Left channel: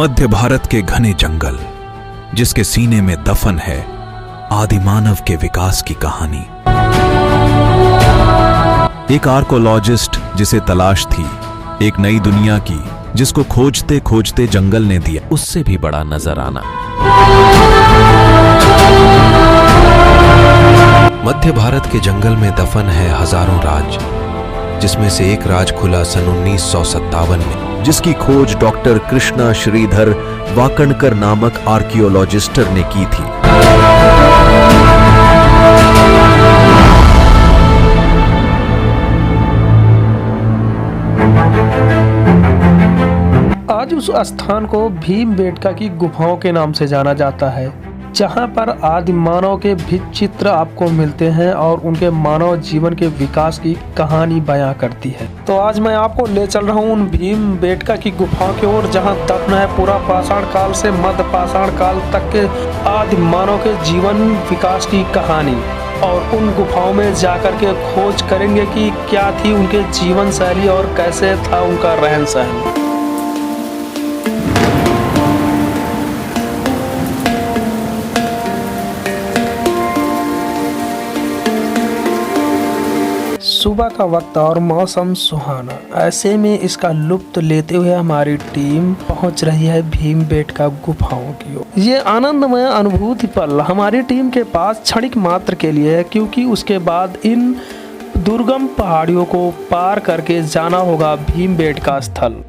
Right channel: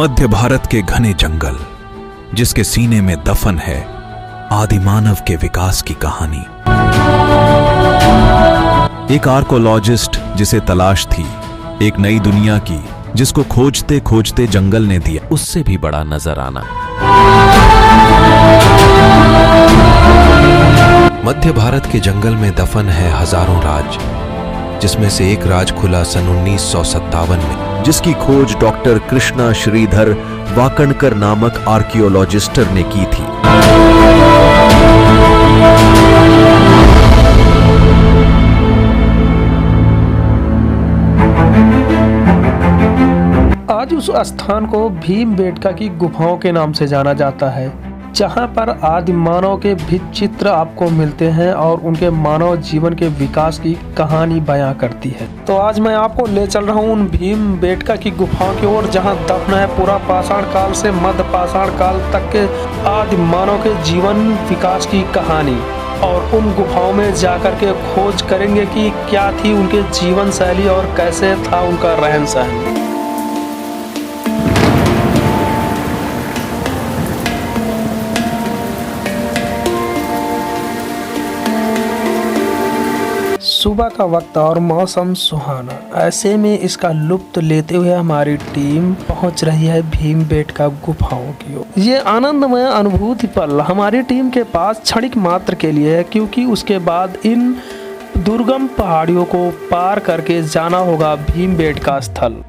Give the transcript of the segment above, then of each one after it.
मध्य भारत के घने जंगल, जिसके सीने में दफन है आदिमानव के विकास की कहानी। एक आर्कोलॉजिस्ट जिसे तलाश थी एक नई दुनिया की, जिसको खोजते खोजते जंगल ने दिया उससे भी बड़ा नजराना। मध्य भारत के जंगल में दफन है हजारों राज, जिसमें से एक राज खुला सन 1957 में, जिसकी खोज डॉक्टर कृष्णा श्रीधर वाकणकर नामक आर्कियोलॉजिस्टर ने की थी। आज उस स्थान को भीमबेटका की गुफाओं के नाम से जाना जाता है, जहां पर आदि मानव के भित्ति चित्र आपको मिलते हैं और उनके मानव जीवन के विकास की कहानी बयां करती है। तो आज मैं आपको ले चल रहा हूं उन भीमबेटका की गुफाओं की ओर, जहां दफन है पूरा पाषाण काल से मध्य पाषाण काल तक के आदि मानव के जीवन विकास की कहानी। और उन गुफाओं में जाकर के खोज करेंगे कि क्या थी उनके जीवन शैली और कैसे था उनका रहन सहन। सुबह का वक्त और मौसम सुहाना, ऐसे में इसका लुत्फ लेते हुए हमारी टीम पहुंच रही है भीमबेटका गुफाओं की ओर। ये आनंदमय अनुभूति पल हमारी टीम के पास क्षणिक मात्र के लिए है, क्योंकि उसके बाद इन दुर्गम पहाड़ियों को पार करके जाना होगा भीमबेटका स्थल।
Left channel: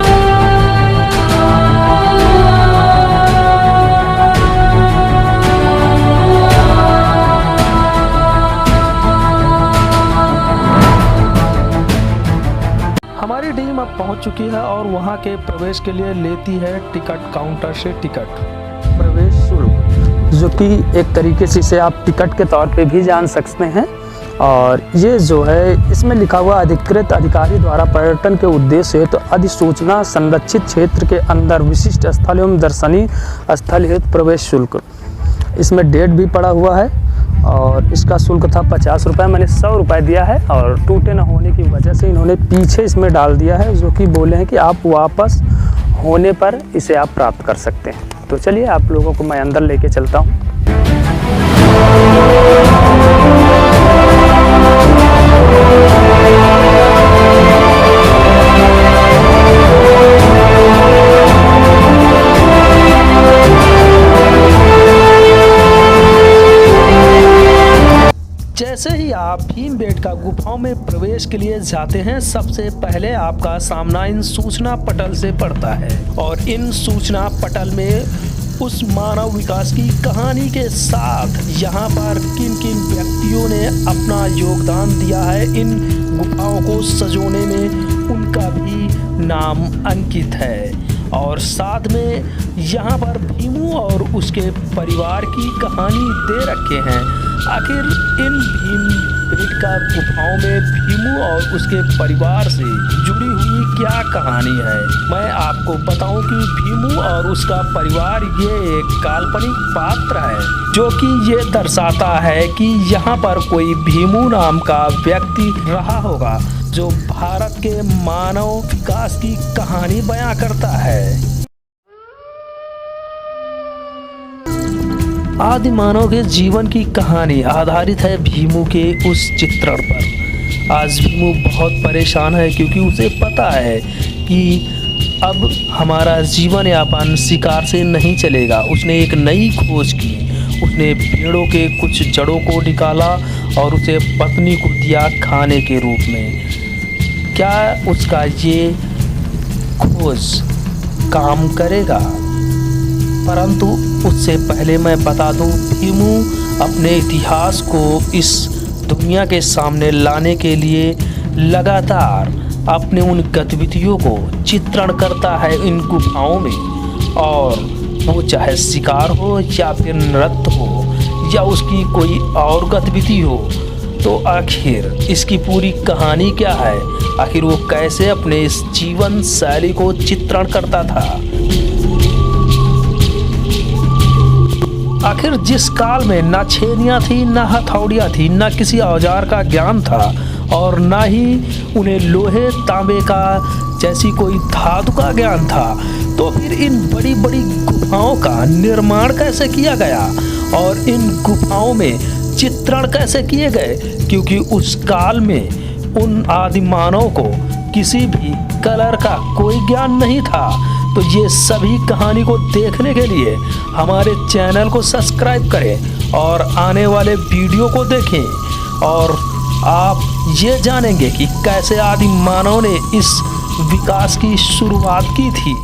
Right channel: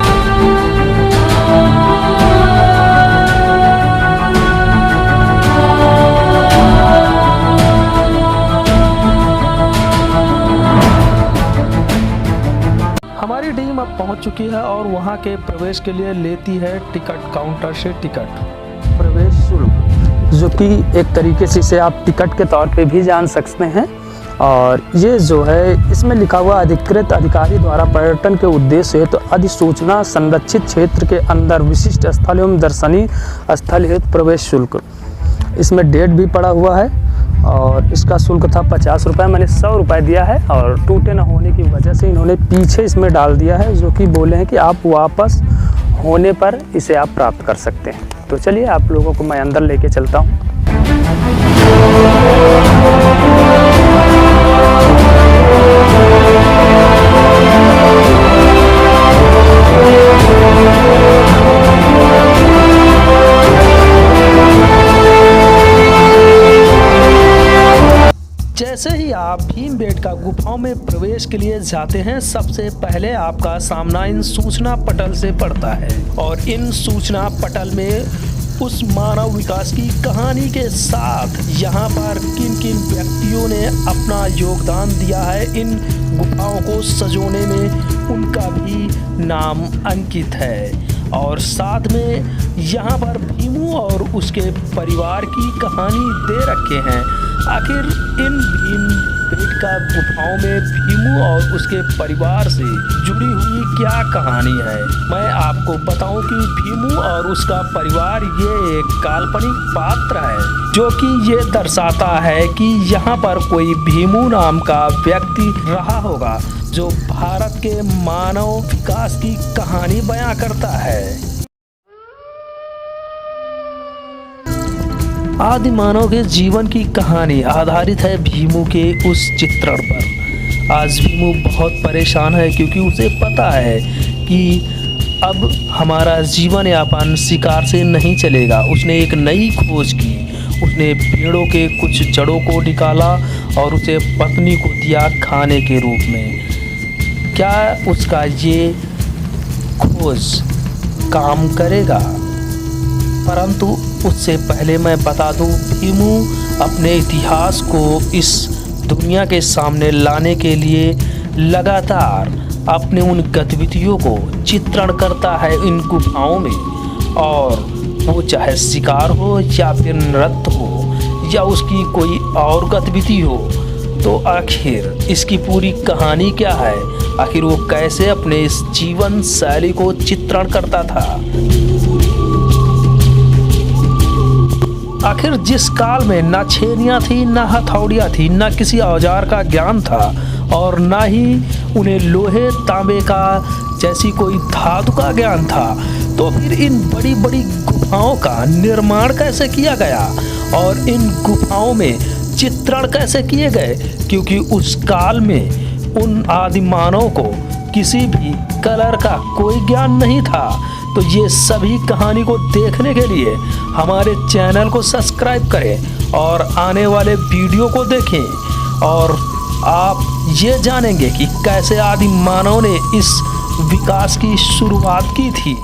हमारी टीम अब पहुंच चुकी है और वहां के प्रवेश के लिए लेती है टिकट काउंटर से टिकट, प्रवेश शुल्क, जो कि एक तरीके से इसे आप टिकट के तौर पे भी जान सकते हैं। और ये जो है इसमें लिखा हुआ अधिकृत अधिकारी द्वारा पर्यटन के उद्देश्य हेतु अधिसूचना संरक्षित क्षेत्र के अंदर विशिष्ट स्थल एवं दर्शनीय स्थल हेतु प्रवेश शुल्क। इसमें डेट भी पड़ा हुआ है और इसका शुल्क था 50 रुपये। मैंने 100 रुपये दिया है और टूटे न होने की वजह से इन्होंने पीछे इसमें डाल दिया है, जो कि बोले हैं कि आप वापस होने पर इसे आप प्राप्त कर सकते हैं। तो चलिए आप लोगों को मैं अंदर लेके चलता हूँ। जैसे ही आप भीमबेटका गुफाओं में प्रवेश के लिए जाते हैं, सबसे पहले आपका सामना इन सूचना पटल से पड़ता है और इन सूचना पटल में उस मानव विकास की कहानी के साथ यहाँ पर किन किन व्यक्तियों ने अपना योगदान दिया है इन गुफाओं को सजोने में, उनका भी नाम अंकित है। और साथ में यहाँ पर भीमू और उसके परिवार की कहानी दे रखे हैं। आखिर इन भीमबेटका गुफाओं में भीमू और उसके परिवार से जुड़ी हुई क्या कहानी है, मैं आपको बताऊं कि भीमू और उसका परिवार ये एक काल्पनिक पात्र है, जो कि ये दर्शाता है कि यहाँ पर कोई भीमू नाम का व्यक्ति रहा होगा, जो भारत के मानव विकास की कहानी बयां करता है। आदि मानव के जीवन की कहानी आधारित है भीमू के उस चित्रण पर। आज भीमू बहुत परेशान है, क्योंकि उसे पता है कि अब हमारा जीवन यापन शिकार से नहीं चलेगा। उसने एक नई खोज की, उसने पेड़ों के कुछ जड़ों को निकाला और उसे पत्नी को दिया खाने के रूप में। क्या उसका ये खोज काम करेगा? परंतु उससे पहले मैं बता दूं, भीमू अपने इतिहास को इस दुनिया के सामने लाने के लिए लगातार अपने उन गतिविधियों को चित्रण करता है इन गुफाओं में। और वो चाहे शिकार हो या फिर नृत्य हो या उसकी कोई और गतिविधि हो, तो आखिर इसकी पूरी कहानी क्या है? आखिर वो कैसे अपने इस जीवन शैली को चित्रण करता था? आखिर जिस काल में ना छेनियाँ थी, ना हथौड़ियाँ थी, ना किसी औजार का ज्ञान था और ना ही उन्हें लोहे तांबे का जैसी कोई धातु का ज्ञान था, तो फिर इन बड़ी बड़ी गुफाओं का निर्माण कैसे किया गया और इन गुफाओं में चित्रण कैसे किए गए, क्योंकि उस काल में उन आदिमानव को किसी भी कलर का कोई ज्ञान नहीं था। तो ये सभी कहानी को देखने के लिए हमारे चैनल को सब्सक्राइब करें और आने वाले वीडियो को देखें और आप ये जानेंगे कि कैसे आदि मानव ने इस विकास की शुरुआत की थी।